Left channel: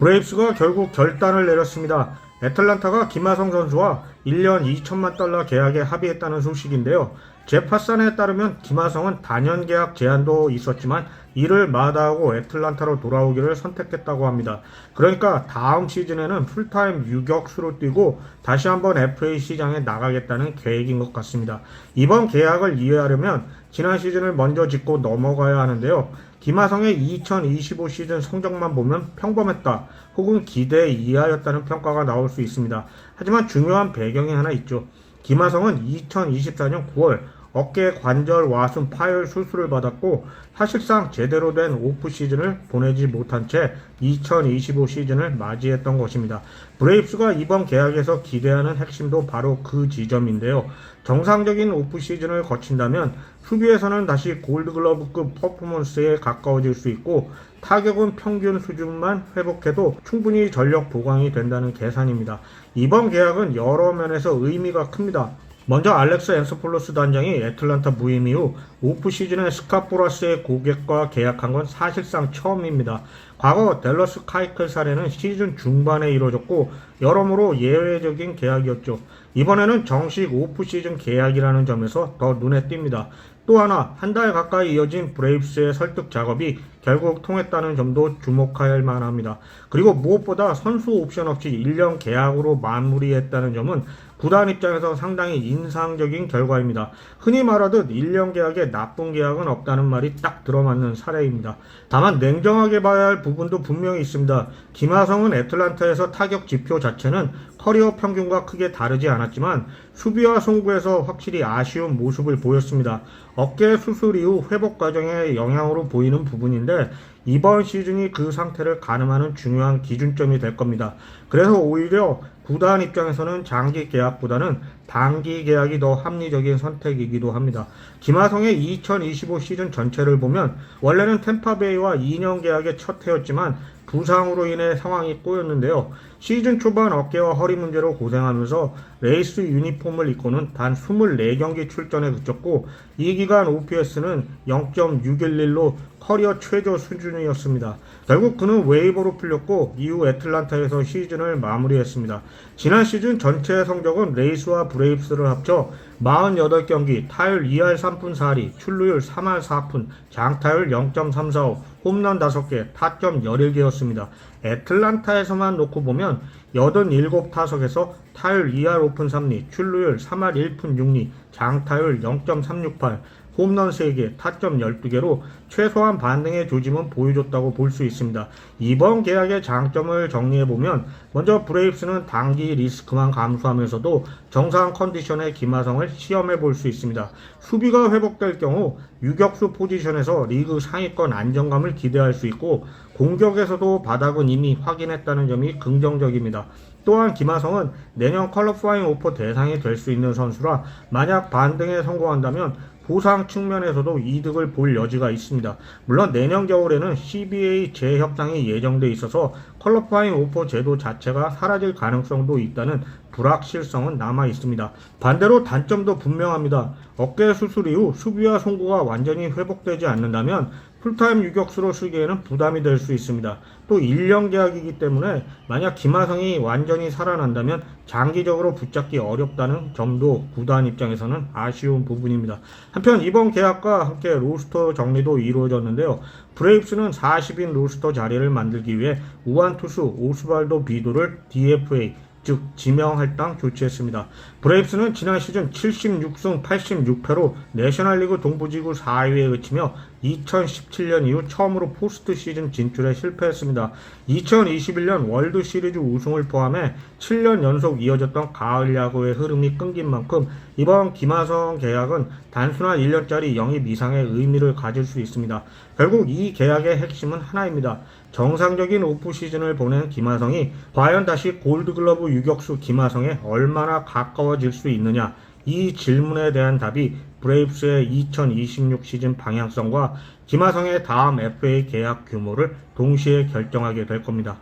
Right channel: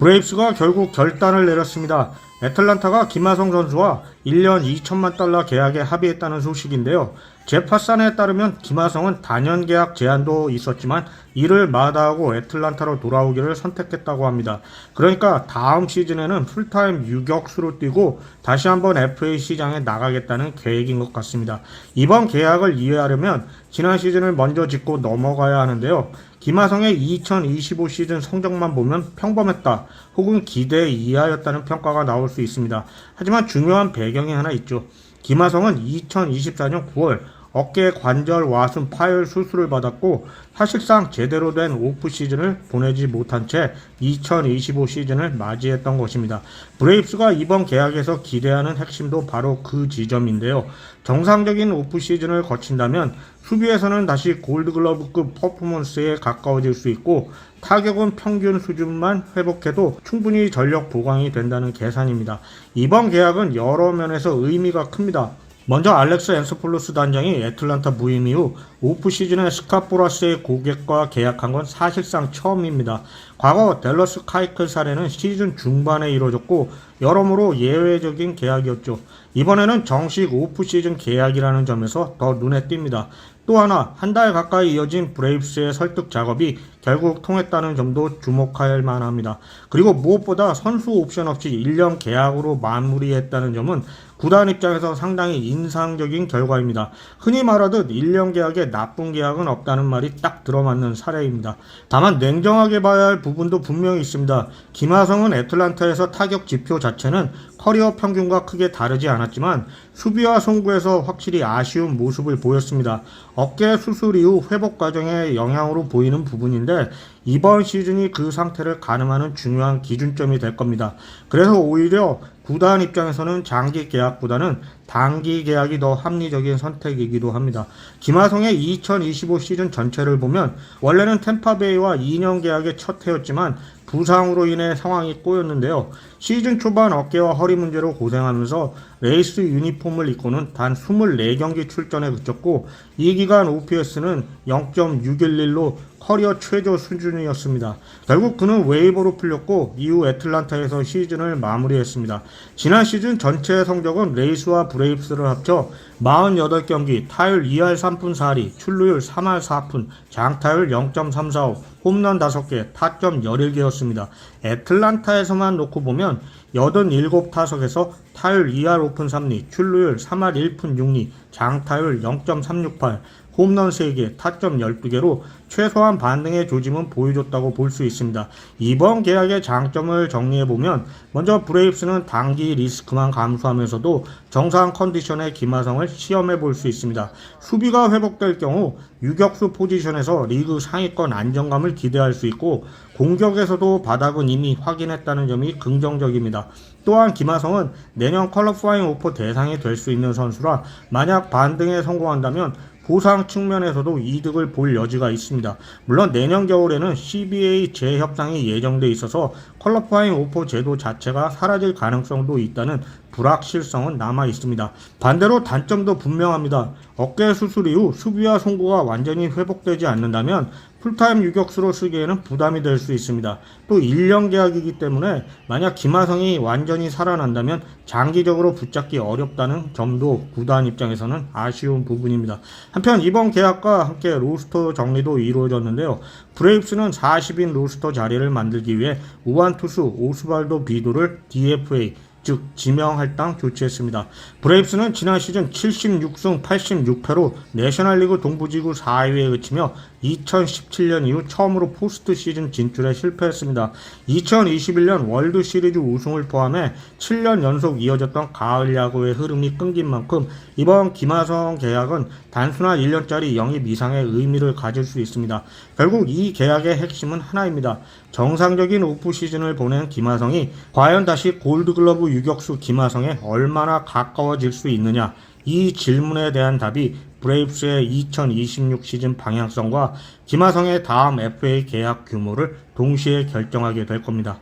브레이브스가 결국 결단을 내렸습니다. 애틀란타가 김하성 선수와 1년 2천만 달러 계약에 합의했다는 소식인데요. 제파산에 따르면 김하성은 단연 계약 제한도 있었지만 이를 마다하고 애틀란타로 돌아오기를 선택했다고 합니다. 그러니까 다음 시즌에는 풀타임 유격수로 뛰고 다시 한번 FA 시장에 나가겠다는 계획인 것 같습니다. 이번 계약을 이해하려면 지난 시즌을 먼저 짚고 넘어가야 하는데요. 김하성의 2025 시즌 성적만 보면 평범했다 혹은 기대 이하였다는 평가가 나올 수 있습니다. 하지만 중요한 배경이 하나 있죠. 김하성은 2024년 9월 어깨 관절 와순 파열 수술을 받았고 사실상 제대로 된 오프 시즌을 보내지 못한 채 2025 시즌을 맞이했던 것입니다. 브레이브스가 이번 계약에서 기대하는 핵심도 바로 그 지점인데요. 정상적인 오프 시즌을 거친다면 수비에서는 다시 골드글러브급 퍼포먼스에 가까워질 수 있고 타격은 평균 수준만 회복해도 충분히 전력 보강이 된다는 계산입니다. 이번 계약은 여러 면에서 의미가 큽니다. 먼저 알렉스 앤서폴로스 단장이 애틀란타 부임 이후 오프 시즌에 스카포라스의 고객과 계약한 건 사실상 처음입니다. 과거 댈러스 카이클 사례는 시즌 중반에 이루어졌고 여러모로 예외적인 계약이었죠. 이번에는 정식 오프 시즌 계약이라는 점에서 더 눈에 띕니다. 또 하나 한 달 가까이 이어진 브레이브스의 설득 작업이 결국 통했다는 점도 주목할 만합니다. 그리고 무엇보다 선수 옵션 없이 1년 계약으로 마무리했다는 점은 구단 입장에서 상당히 인상적인 결과입니다. 흔히 말하듯 1년 계약에 나쁜 계약은 없다는 말이 딱 들어맞는 사례입니다. 다만 냉정하게 봐야 할 부분도 분명히 있습니다. 김하성은 애틀란타에서 타격 지표 자체는 커리어 평균과 크게 다르지 않았지만 수비와 송구에서 확실히 아쉬운 모습을 보였습니다. 어깨 수술 이후 회복 과정의 영향으로 보이는 부분인데 이번 시즌이 그 상태를 가늠하는 중요한 기준점이 될 겁니다. 그래서 오히려 구단 입장에서는 장기 계약보다는 단기 계약이 더 합리적인 선택이기도 합니다. 김하성의 2025 시즌 전체를 보면 원래는 템파베이와 2년 계약의 첫 해였지만 부상으로 인해 상황이 꼬였는데요. 시즌 초반 어깨와 허리 문제로 고생하면서 레이스 유니폼을 입고는 단 24경기 출전에 그쳤고 이 기간 OPS는 0.611로 커리어 최저 수준이었습니다. 결국 그는 웨이버로 풀렸고 이후 애틀란타에서 시즌을 마무리했습니다. 지난 시즌 전체 성적은 레이스와 브레이브스를 합쳐 48경기, 타율 2할 3푼 4리, 출루율 3할 4푼, 장타율 0.345, 홈런 5개, 타점 11개였습니다. 애틀란타에서만 놓고 보면 87타석에서 타율 2할 5푼 3리, 출루율 3할 1푼 6리, 장타율 0.368, 홈런 3개, 타점 12개로 최소한 반등의 조짐은 보여줬다고 볼 수 있습니다. 이번 계약의 장점을 정리해보면 먼저 브레이브스는 단기 리스크만 감수하면서도 정상 컨디션의 김하성을 시험해볼 수 있습니다. 수비가 회복될 경우 유격수 포지션에서 리그 상위권 안정감을 기대할 수 있고 공격에서도 바닥은 이미 확인했다는 점이 긍정적입니다. 또한 김하성은 내년 퀄리파잉 오퍼 대상이 될 수 있는 선수라 만약 반등에 성공한다면 보상 측면에서도 이득을 볼 여지가 있습니다. 물론 내년 겨울에는 CBA 재협상이 예정돼 있어서 퀄리파잉 오퍼 제도 자체가 사라질 가능성도 있다는 불확실성은 남아 있습니다. 반대로 단점도 분명합니다. 어깨 수술 이후 수비와 송구가 완전히 회복되지 않는다면 풀타임 유격수로 쓰기에는 부담이 될 수 있습니다. 또 1년 계약이기 때문에 만약 김하성이 완전히 살아난다면 장기적으로 붙잡기 어렵다는 점도 구단 입장에서는 아쉬운 부분입니다. 한편 이번 계약과 함께 로스터 정리도 이루어졌는데요. 브레이브스는 40인 로스터 자리를 만들기 위해 우완 투수 오스발도 비도를 DFA 즉 지명할당 조치했습니다. 브레이브스는 지난 시즌 76승 86패로 내셔널리그 동부지구 4위에 그치며 2017년 이후 처음으로 포스트 시즌 진출에 실패했습니다. 2021년 월드 시리즈 우승을 포함해 7년 연속 이어졌던 가을 야구의 흐름이 끊긴 만큼 이번 김하성 계약은 단순한 1년짜리 영입 이상의 의미를 가질 수 있습니다. 결국 이 계약의 핵심은 하나입니다. 정상적인 오프 시즌을 보낸 김하성이 과연 다시 골드글러브 유격수 김하성에 얼마나 가까워질 수 있느냐, 이 질문에 대한 답이 브레이브스의 2026 시즌 방향성과 김하성의 다음 FA 계약 규모를 동시에 결정하게 될 겁니다.